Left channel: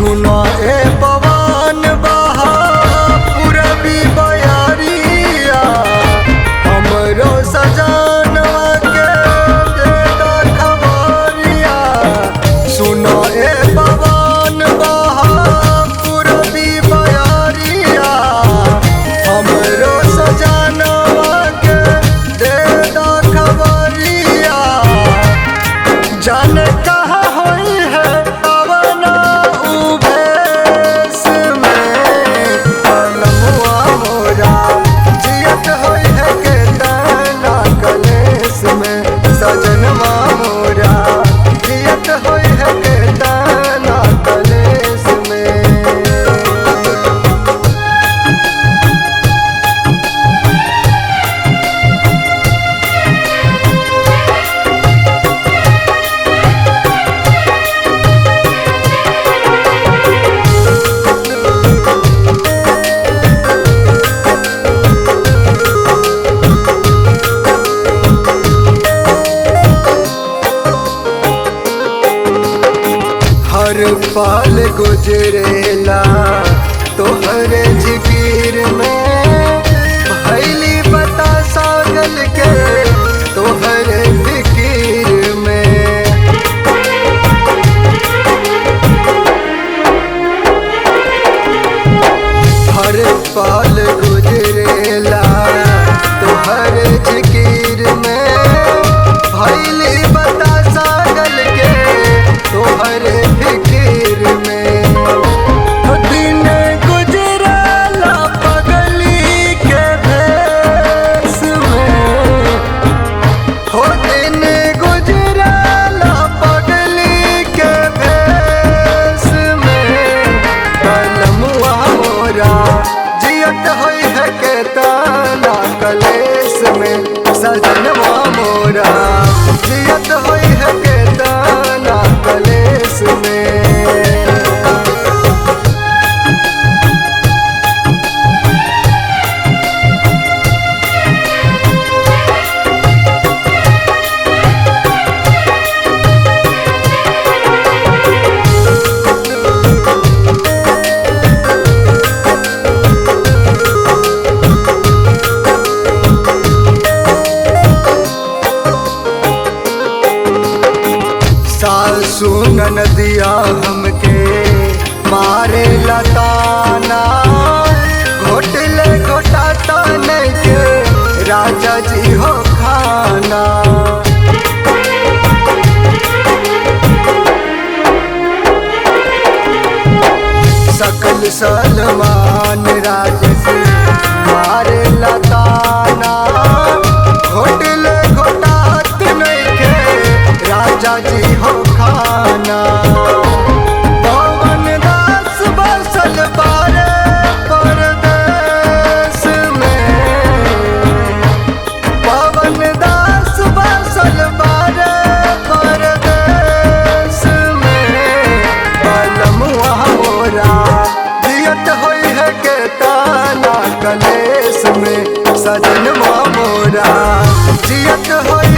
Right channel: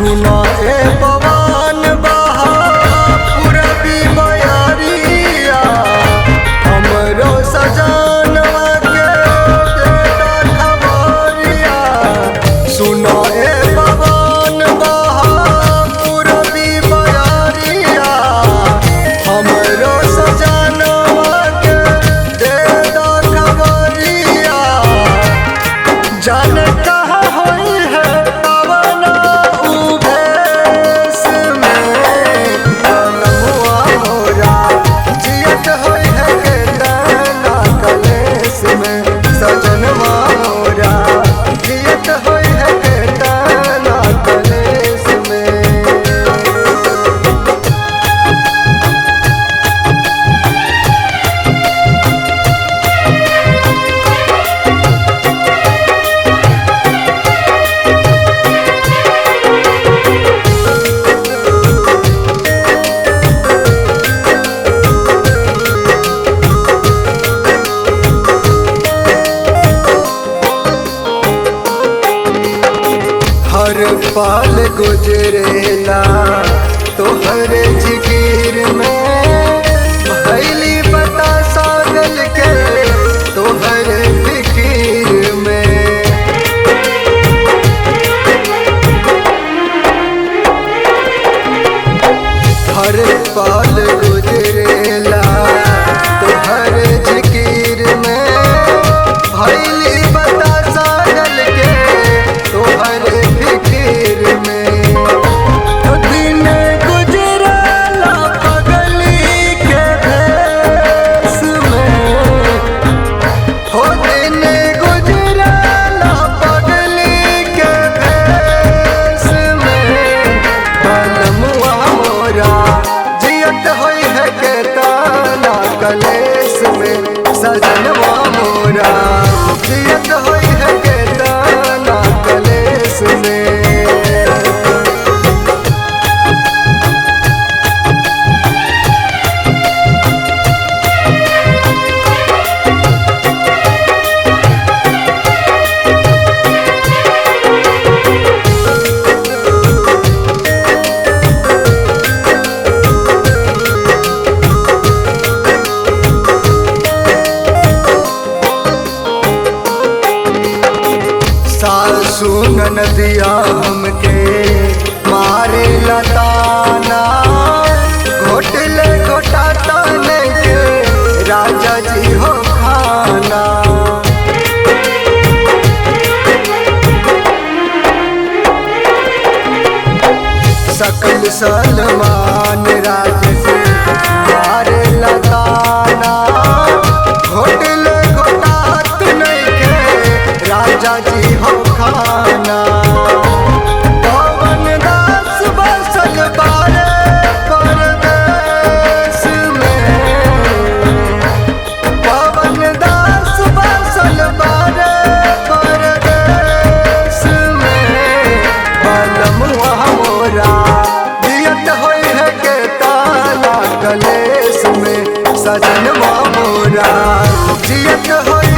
सुना ए पवन बहा पूरबी बयारिया हमरो सजनवा के देता खबरिया। सुना ए पवन बहा पूरबी बयारिया हमरो सजनवा के देता खबरिया। जाने कहाँ होई है पवना उभेस में पलमुआ मोरा जियत होई है के तना कलेस में सजनवा मोरा जियत होई है के तना कलेस में। हर पल गुजरेला तोहरे जिकिर में भैली बता सागल के तोहरे फिकीर में। हर पल गुजरेला तोहरे जिकिर में भैली बता सागल के तोहरे फिकीर में। तो दिन गुजरेला पगली के भेस में हो दिन गुजरेला पगली के भेस में पलमुआ मोरा जियत होई है के तना कलेस में सजनवा मोरा जियत होई है के तना कलेस में। सासु नदिया हमके मारे लताना घोटले घोटाता नहीं के राजा जी हो खाना। सकल सलमान राज से मारे लताना घोटले घोटात नहीं के राजा जी हो खाना। पवन दास बसल बारे परदेस में पवन दास बसल बारे परदेस में पलमुआ मोरा जियत होई है के तना कलेस में सजनवा मोरा जियत होई